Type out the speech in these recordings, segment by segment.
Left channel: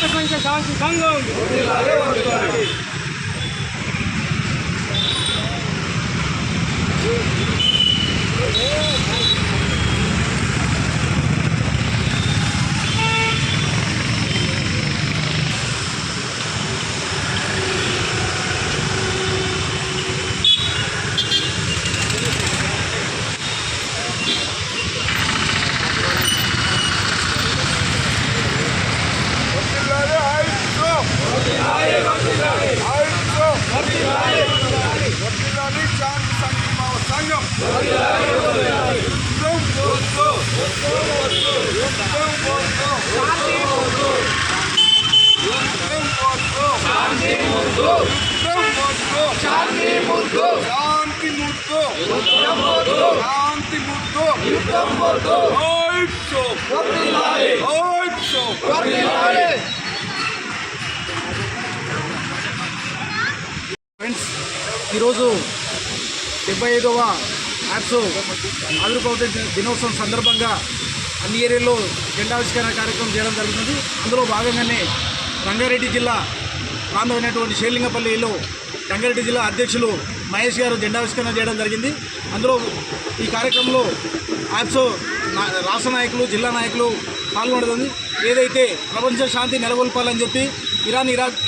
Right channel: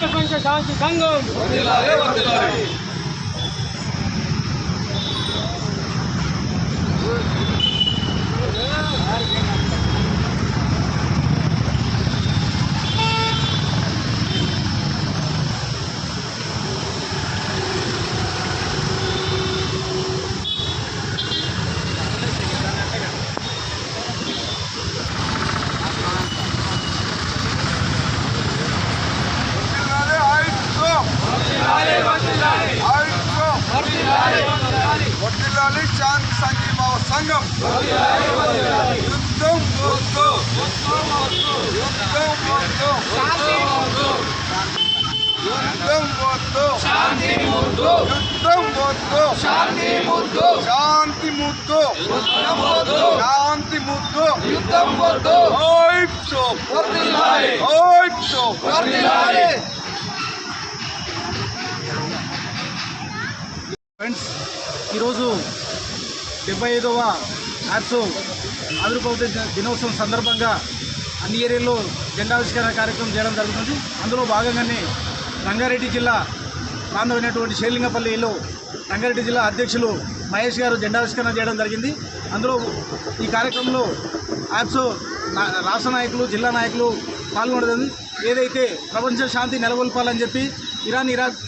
ప్రపంచ శాంతి సంఘం. శాంతి సంఘీభావ సంఘం శాంతి ముద్దు ఫ్రెండ్స్, ఈరోజు 75వ యాప్సో ఆవిర్భావ దినోత్సవం సందర్భంగా అన్ని ఏరియాల్లో జెండావిష్కరణ కార్యక్రమం చేయడం జరుగుతుంది. అందులో భాగంగానే రంగారెడ్డి జిల్లా ప్రాంతమైనటువంటి షేర్లింగపల్లిలో రంగారెడ్డి జిల్లా అధ్యక్షులు మహేష్ గారు జెండావిష్కరణ చేయడం జరిగింది. అందులో ఈ కార్యక్రమంలో యాప్సో రాష్ట్ర నాయకులు, జిల్లా నాయకులు పాల్గొనడం, ఏదైతే ప్రపంచ శాంతి నెలకొల్పాలని చెప్పి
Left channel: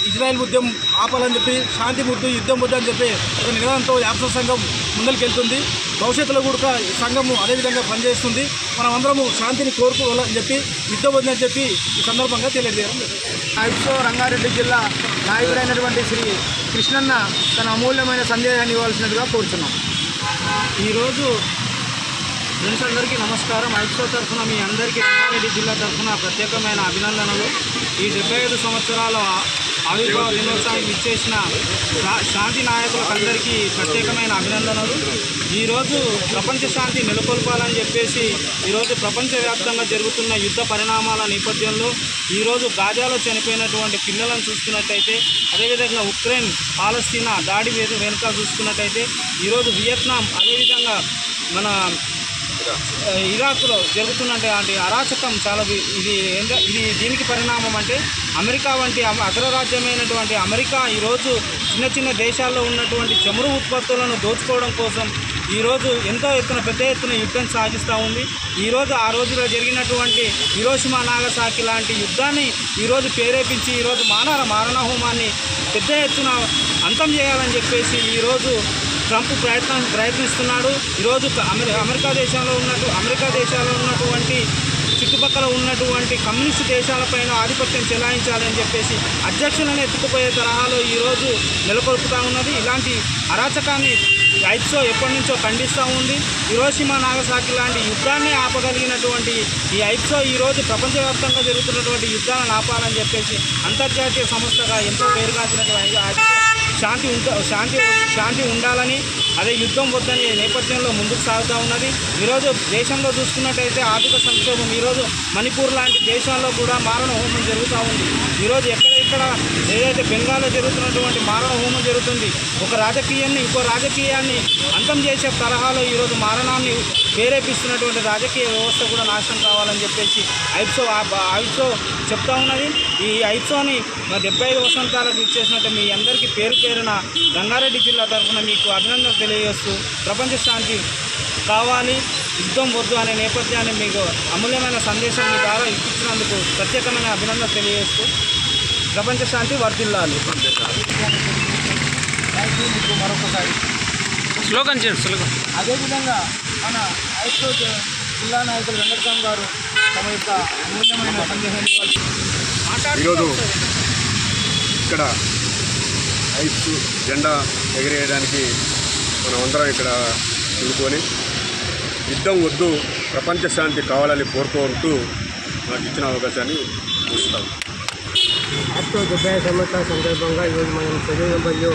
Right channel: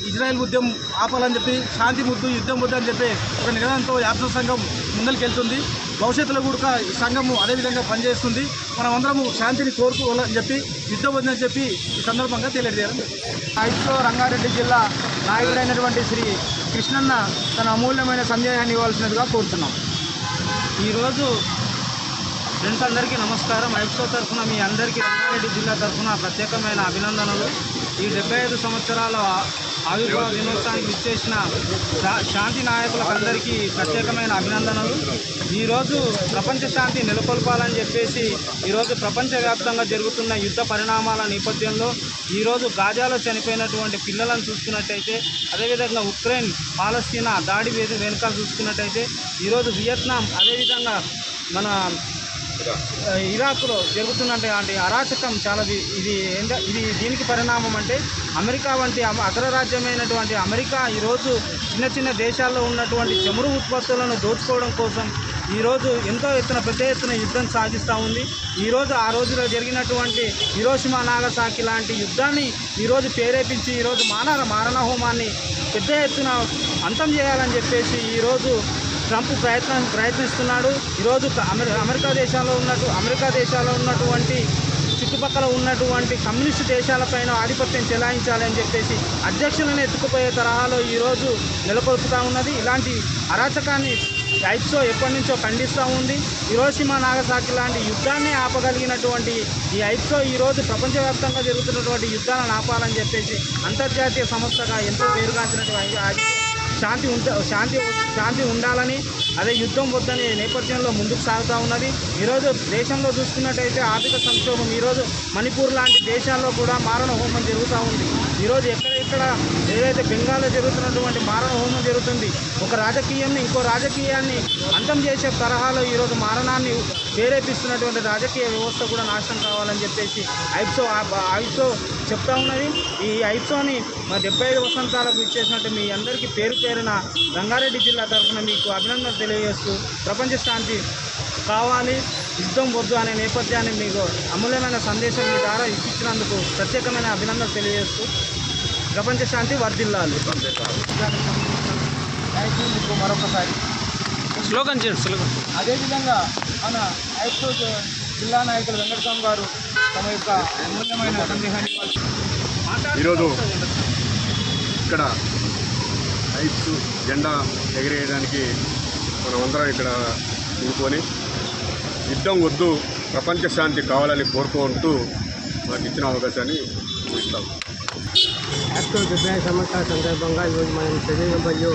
ఇజ్రాయెల్ యుద్ధం ఆపాలని చెప్పి శాంతి ముద్దు యుద్ధం ముద్దు అని చెప్పి ఒక నినాదంతో యాప్సో సంఘం ముందరికెళ్తుంది. భవిష్యత్తులో కూడా ఈ సంఘము అదేవిధంగా పనిచేస్తుంది. మనమందరము శాంతిని కోరుకోవాలని చెప్పి యుద్ధం వద్దని చెప్పి ఈ సందర్భంగా తెలియజేయడం. యాప్సో రంగారెడ్డి జిల్లా నాయకుడైనటువంటి శ్రీ కృష్ణన్న తన అమూల్యమైన సందేహాన్ని ఇవ్వాల్సినదిగా కోరుతున్నాం. ఈరోజు ఫ్రెండ్స్ అందరికీ నమస్కారం. యాప్సో తరఫున మీ అందరికీ రంగారెడ్డి జిల్లా తరఫున ప్రత్యేకమైన అభినందనలు. ఈ 75 సంవత్సరాల ఆవిర్భావ దినోత్సవానికి ఇచ్చేసిన శాంతి నాయకులకందరికీ ప్రత్యేకమైన అభినందనలు. ఈరోజు ప్రపంచ శాంతి నెలకొల్పాలని చెప్పేసి ఈరోజు ప్రపంచవ్యాప్తంగా జరుగుతున్న యుద్ధ పరిణామాల నేపథ్యంలో ఈరోజు గాజాలో చనిపోయినటువంటి పిల్లలను చూసుకున్నట్టయితే, అదేవిధంగా ఉక్రెయిన్ పాలస్తీనా దాడి వెనుక చూసుకున్నట్టయితే, ఈరోజు వియత్నాం, అదేవిధంగా మన ఇరాక్లో జరుగుతున్నటువంటి అరాచకం చాలా ఇది దీనికి పరిణామం అంటే అమెరికా వంటి అగ్రరాజ్యమైనటువంటి అమెరికా ఈరోజు చిన్న చిన్న దేశాల్లో ఉన్నటువంటి చమురు ఉత్పత్తులను దోచుకోవడం కోసం ఈరోజు పెద్ద ఎత్తున యుద్ధం సాగిస్తూ ఉంది. ఈరోజు ఆ రోజులో జరిగినటువంటి హిరోషిమా నాగసాకి లాంటి యుద్ధాన్ని ఈరోజు ప్రేరేపించి ఈరోజు మారణ హోమాన్ని పెద్ద ఎత్తున అంతం చేయాలని చెప్పేసి ఈరోజు ట్రంప్ ప్రయత్నిస్తున్నాడు. ఈరోజు అమెరికా దేశాల్లో ఉన్నటువంటి చుట్టుపక్కల ఉన్నటువంటి కమ్యూనిస్టు దేశాలపైన ఆధిపత్యం చెలాయించాలని చెప్పేసి అధ్యక్షులను ఎత్తుకుపోయే తరహాలో ఈరోజు నెలకొల్పుతూ ఉన్నది. ఇలాంటి అరాచకాన్ని యాప్సో ఎప్పటి నుంచో ఖండిస్తూ ఉంది. హిరోషిమా నాగసాకి లాంటి యుద్ధాన్ని ఆపగలిగినటువంటి ఈ యాప్సో ఈరోజు ప్రపంచవ్యాప్తంగా జరుగుతున్నటువంటి యుద్ధాలను ఆపాలని చెప్పేసి అంతర్జాతీయ సంస్థగా ఎంతో పేరుగాంచినటువంటి శాంతి ఉండాలని, అదే యుద్ధం వద్దని నేపథ్యంలో ముందుకు సాగుతూ ఉన్నది. ఈరోజు దేశంలో చూసుకున్నట్టయితే ఆర్థిక సంక్షోభం, ఈరోజు మణిపూర్ లాంటి దేశాల్లో కూడా మారణ హోమం జరుగుతూ ఉంది. ఈరోజు ఎక్కడెక్కడ ఏదైతే బెంగాల్లో జరుగుతున్నటువంటి మారణ హోమం జరుగుతుంది, ఒక రాజకీయాన్ని ఇంకో రాజకీయాన్ని అంతం చేసే తరహాలో ఈరోజు మారణాన్ని ప్రేరేపిస్తున్నటువంటి రాజకీయ వ్యవస్థ కూడా నాశనం కావాలని చెప్పేసి యాప్సో చెప్తా ఉన్నది. ఈ యాప్సోని 75 వసంతాలకు ఇచ్చేసినట్టు మీ అందరికీ పేరున రంగారెడ్డి జిల్లా తరఫున మీకు అభినందనలు తెలియజేస్తూ, ప్రపంచ శాంతి కావాలి, యుద్ధం వద్దు అనే నేపథ్యాన్ని మీకు అమూల్యమైన సందేశం మీ ద్వారా ఇప్పించినందుకు ప్రత్యేకమైన అభినందనలు తెలియజేస్తూ, ప్రపంచ శాంతి వర్ధిల్లాలి. మీకు మరొకసారి స్లోగన్ అదేవిధంగా మన యాప్సో జిల్లా నాయకులు వెంకటస్వామి గారు తమ యొక్క అమూల్యమైన సందేహాన్ని ఈరోజు ఇక్కడ యాప్సో జెండా ఎగిరేయడానికి మనమందరం ఇక్కడ నిలుపుకొని యుద్ధం వద్దు, ప్రపంచ శాంతి కావాలని కోరుకుంటూ నాకు ఇచ్చిన అవకాశాన్ని చూస్తాం. ఐస్తో 75 సంవత్సరాల సందర్భంగా ఈరోజు మనం చదువులో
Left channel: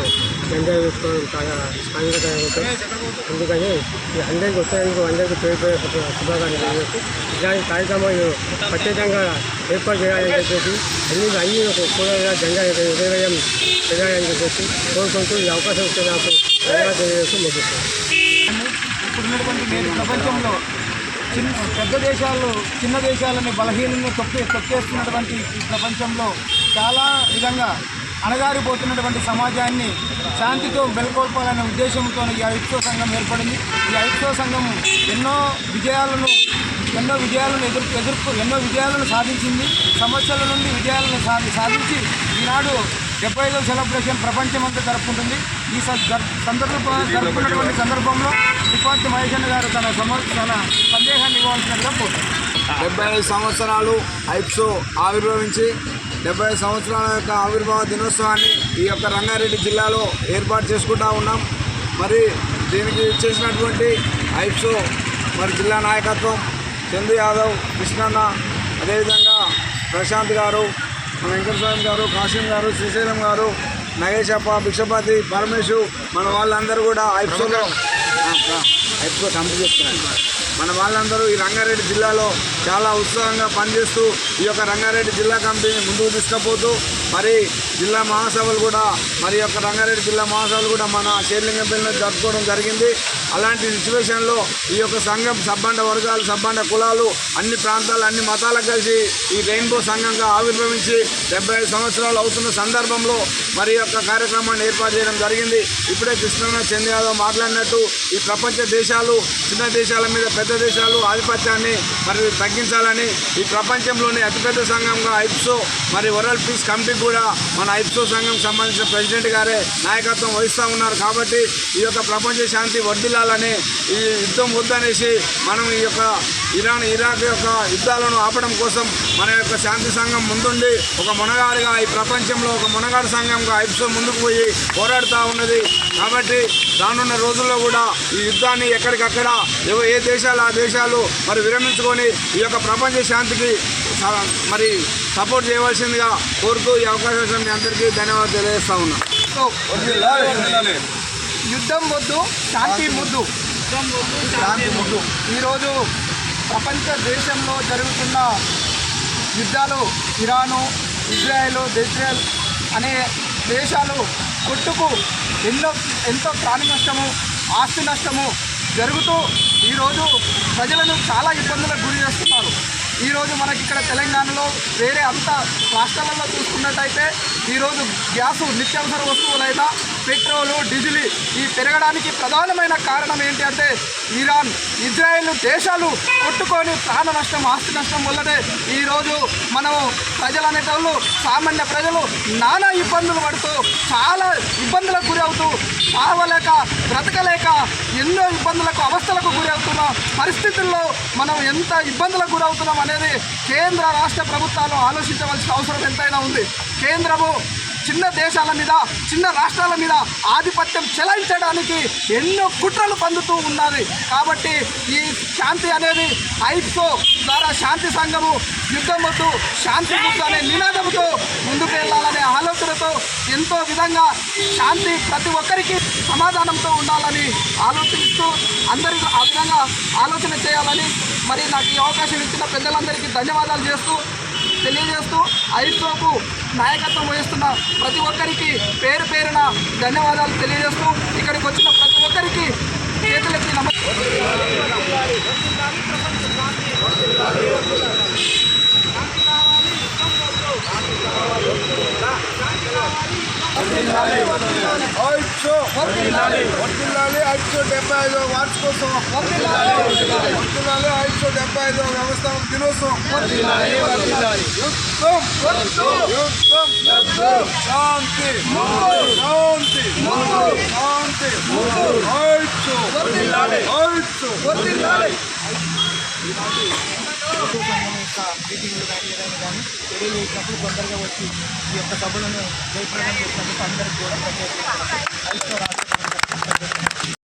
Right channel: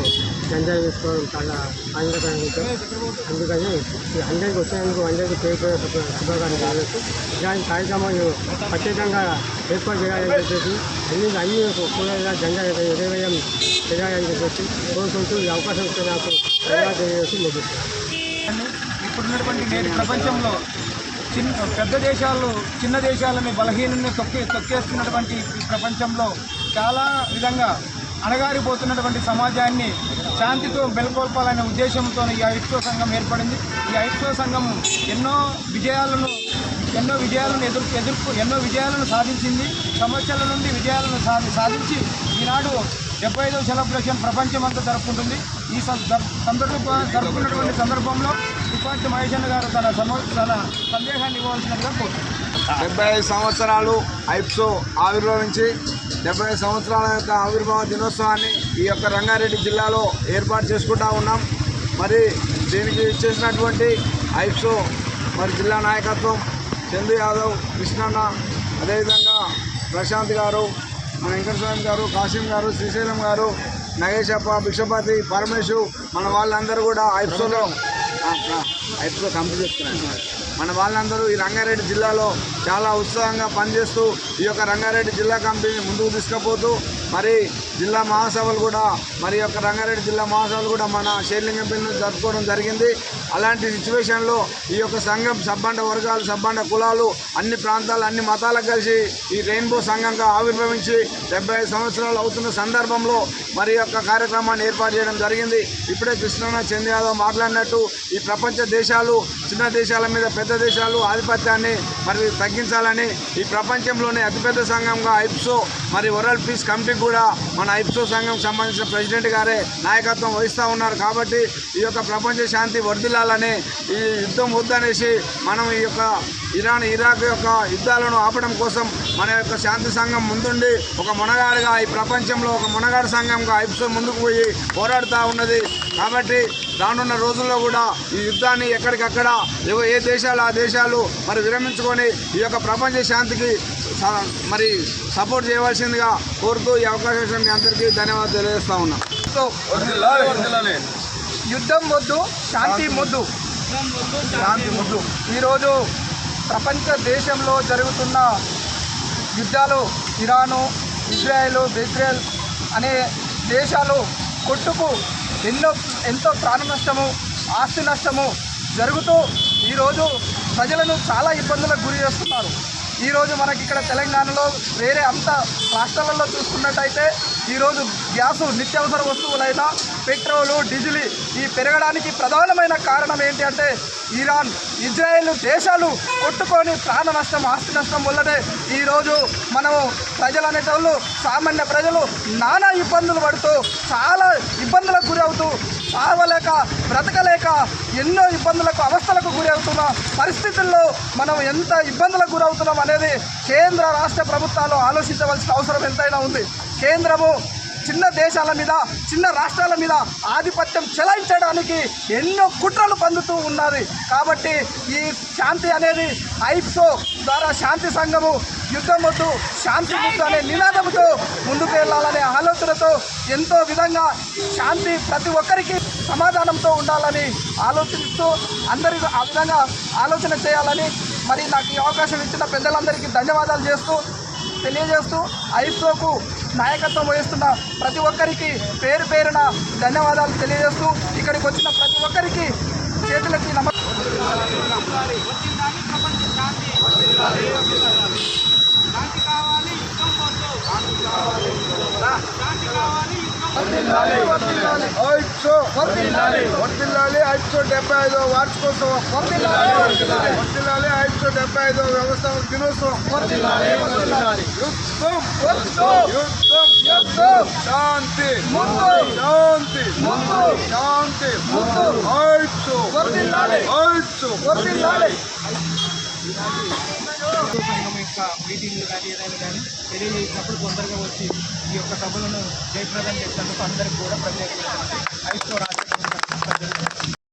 జెండా వేసుకోవడం చాలా ఆనందకరంగా. అందుకని అందరికీ వచ్చినందుకు అందరికీ పేరు శుభాకాంక్షలు తెలియజేస్తూ ఇలాంటి కార్యక్రమాలు ప్రత్యేకంగా ఏర్పాటు చేయాలని చెప్పేసి అన్ని కూడా జెండా ఎగరేయడం చేయాలని చెప్పేసి కోరుకుంటూ ఈ అవకాశం ఇస్తే నాకు ధన్యవాదాలు తెలియజేస్తూ ముగిస్తాను. ఇప్పుడున్నటువంటి నేటి ప్రపంచంలో పెద్ద దేశాలు చిన్న దేశాలని బలహీనంగా తొక్కేస్తున్నటువంటి ఈ ప్రపంచంలో చాలా విధంగా అణగారిపోతున్నటువంటి సమాజాన్ని శాంతితో మెలకొల్పాలనే ఉద్దేశంతో ఈ ఐక్యో సంఘం ఏర్పడింది. ఈ ఐక్యో సంఘం ఎన్నో విజయాలను సాధించింది. సమస్యల నుండి విజయాలను సాధించి ఈనాడు 75వ సెలబ్రేషన్ ప్రపంచమంతా జరుపుకుంటుంది. ఈ జరుపుకున్నటువంటి సందర్భంలో రిపార్ట్ మహేష్ గారు తన సందేహాన్ని ఇవ్వాల్సినట్టుగా కోరుతున్నారు. 75 సంవత్సరాలు ఐప్సో ఆవిర్భవించి 75 సంవత్సరాల యొక్క ఆవిర్భావ దినోత్సవాన్ని ఈ యొక్క రంగారెడ్డి జిల్లాలో ఏర్పాటు చేసుకుంటూ ఉన్నాం. మరి దీనికి చేసినటువంటి ఐప్సో మరి జిల్లా నాయకత్వం చందు యాదవ్, కృష్ణన్న, అదేవిధంగా ప్రశాంత్ గారు, మన వెంకటస్వామి గారు, కాసిం గారు, శ్రీశైలం గారు, నగేశప్ప, భిక్షపతి, పరమేశు, మన వాళ్ళందరూ కూడా ఐప్సో కంపెనీ చెప్తున్నారు. మన వాళ్ళందరూ ఈ రంగారెడ్డి జిల్లాలో చాలా ఉత్సాహంగా పనిచేస్తూ ఈ యొక్క రంగారెడ్డి జిల్లా కమిటీని ముందుకు తీసుకుపోతూ మరి జిల్లా మహాసభలు కూడా మరి యొక్క రంగారెడ్డి జిల్లా మహాసభలు కూడా మన షేర్లింగంపల్లిలో జరుపుకోవడం జరిగింది. అలాంటి సిచ్యువేషన్లో ఈ యొక్క సంఘం సబ్బండ వర్గాలు, సబ్బండ కులాలు, అన్ని ప్రాంతాలు, అన్ని మతాలకు కలిసి ఈ రెయిన్బో సంఘంగా ఆవిర్భవించి 75 సంవత్సరాలు అవుతున్న సందర్భంలో మరి యొక్క కార్యక్రమాన్ని ఏర్పాటు చేయడం జరిగింది. ఇప్పుడే కృష్ణ చంద్ర యాదవ్ మాట్లాడినట్టు ఈ ప్రపంచ దేశాలు చిన్న దేశాల మీద పెద్ద దేశాలు ఆధిపత్యాన్ని మరి తగ్గించాలని ఈ ప్రపంచంలోనే అతిపెద్ద సంఘంగా ఐప్సో మరి వరల్డ్ పీస్ కమిటీ కూడా మన ఐప్సో సంఘం సంబంధించిన ప్రెసిడెంట్ గారే నాయకత్వం వహిస్తూ ఉన్నారు. కాబట్టి ఈ యొక్క ప్రపంచ శాంతి వర్ధిల్లాలని, ఈ యుద్ధం వద్దనేసి మనం ఈ యొక్క ఇరాక్ యొక్క యుద్ధాలను ఆపడం కోసం మన యొక్క శాంతి సంఘం ముందుండి ఒక మొనగాడిగా ఈ ప్రపంచంలో ఒక మొనగాడు సంఘంగా ఐప్సో ముందుకు పోయి పోరాడుతూ ఉన్నది. కాబట్టి రానున్న రోజుల్లో కూడా ఈ యుద్ధాన్ని ఎక్కడికక్కడ ఏ దేశాలు ఆ దేశాలు మరి విరమించుకొని ఈ యొక్క ప్రపంచ శాంతికి మరి సపోర్ట్ చేయవలసిందిగా కోరుతూ ఈ అవకాశం మీ అందరికీ ధన్యవాదాలు తెలియజేస్తా ఉన్నా. యుద్ధం వద్దు, శాంతి ముద్దు. ఈరోజు ప్రపంచ దేశంలో జరుగుతున్న యుద్ధాలు ఇరాను, ఇజ్రాయెల్ అనే దేశాలు కొట్టుకు ఎంతో ప్రాణ నష్టము, ఆస్తి నష్టము జరుగుతూ ఈరోజు ప్రజలను చాలా ఇబ్బందులకు గురి చేస్తున్నారు. ఈరోజు మనకి ఇక్కడ తెలంగాణలో వేరే అంత రాష్ట్రాలలో చూసుకున్నట్టయితే ఈరోజు గ్యాసు, నిత్యావసర వస్తువులైన పెట్రోలు, డీజిల్ ఈ పెరగడానికి ప్రధానమైన కారణం ఏంటి అంటే ఇరాన్, ఇజ్రాయెల్ దేశాలు కొట్టుకొని ప్రాణ నష్టం, ఆస్తి నష్టం వల్లనే ఈరోజు మనము ప్రజలు అనేటోళ్ళు, సామాన్య ప్రజలు నానా ఇబ్బందులు పడుతూ చాలా ఇబ్బందులకు గురి అవుతూ చావలేక బ్రతకలేక ఎన్నో ఇబ్బందులకు, అవస్థలకు గురి అవుతున్న పరిస్థితుల్లో మనం ఎంత ఇబ్బందులకు గురవుతున్నాం అనేది కేంద్ర రాష్ట్ర ప్రభుత్వాలు ఆలోచించవలసిన అవసరం ఎంతైనా ఉంది. కేంద్రము చిన్న దేశాల మీద, చిన్న రాష్ట్రాల మీద ఆధిపత్యం చెలాయించడానికి ఎన్నో కుట్రలు పందుతూ ఉన్నది. కాబట్టి ఈ శాంతి అనేది ఐప్సో ద్వారా శాంతి సంఘము యుద్ధం వద్దు, శాంతి ముద్దు అనే నినాదంతో ముందుకు వెళ్ళాలనే ఆలోచనతో ఎంతో విధంగా శాంతి ప్రతి ఒక్కరికి సమాధానంతో ఉండాలని ఆలోచిస్తూ అందరికీ ఆ విధంగా ఆలోచన చేయాలని మరి నాకు ఈ అవకాశం ఇచ్చిన పెద్దలందరికీ ధన్యవాదాలు తెలియజేస్తూ ఐప్సోకు నాయకత్వం వహిస్తున్న ప్రతి ఒక్కరికి పేరు పేరున ధన్యవాదాలు తెలియజేస్తూ ఇక్కడికి వచ్చిన ప్రతి ఒక్కరికి చేతులెత్తి ఐప్సో 75వ వార్షికోత్సవం వర్ధిల్లాలి. ఐప్సో 75వ వ్యవస్థాపక దినోత్సవం శాంతి శాంతి శాంతి. ఐప్సో సంఘం యొక్క మీటింగ్లు కానీ ఏదైనా కానీ చర్యలు వేసినప్పుడు తొందరగా వచ్చి ఈ యొక్క సభలను జయప్రదం చేసినందుకు అందరికీ కూడా ప్రత్యేకంగా ఐక్యో రాష్ట్ర